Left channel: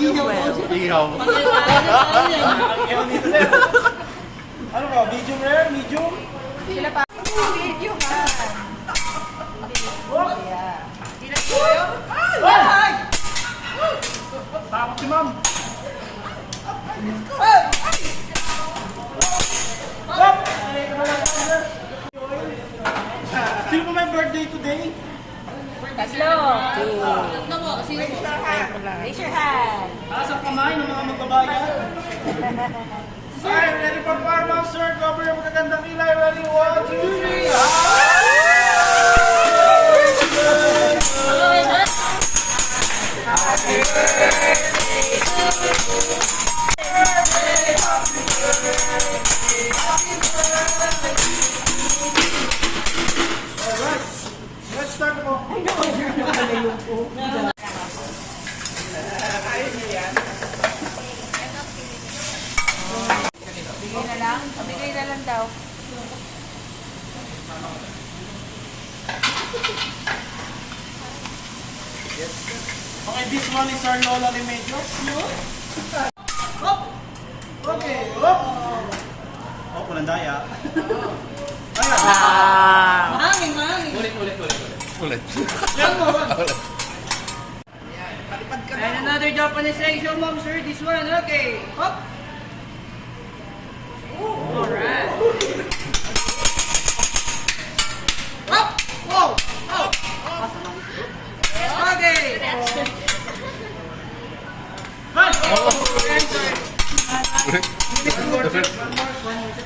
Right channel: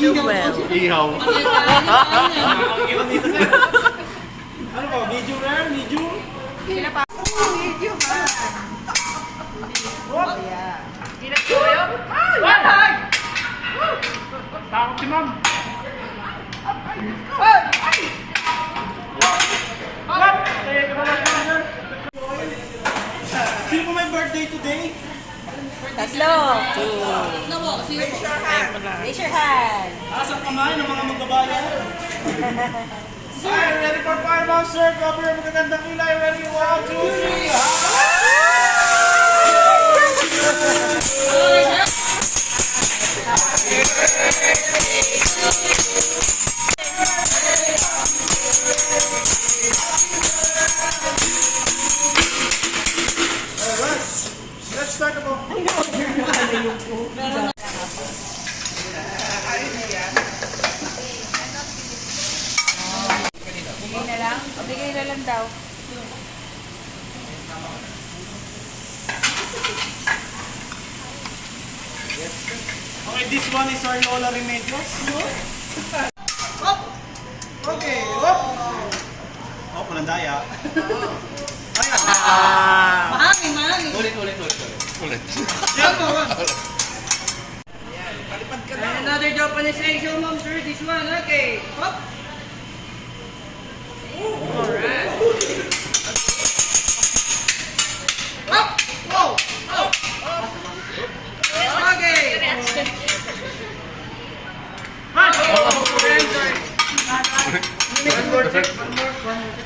Jewel. Ihaw. Ano ba? Medium rare? Medium? Sila pa. Medium ha. Sila po kayo? Ay! Takot si ma'am. Sino po may birthday today? Tatlo. Two. Sino po? Kaya pala. Raise your hand. Taas ang kamay ng mga magbabayan. Alright, ready for fireman, sir? Cover yung magagandang kilay. Ready? 1, 2, 3. Alright, let's start the ball. Bigay na lang. Bigay na lang daw. Okay, this one is our Lola Remedios. Hop! Okay, hop! Oh, walang daya. Ayan. Mahangin, mahangin. Ulit. Yan mo, man. And another Japanese egg show, mom, sir. This one, okay. Hop! Alright. Hop! Whoa! Oh! Okay! Run! One more, sir. One more, sir.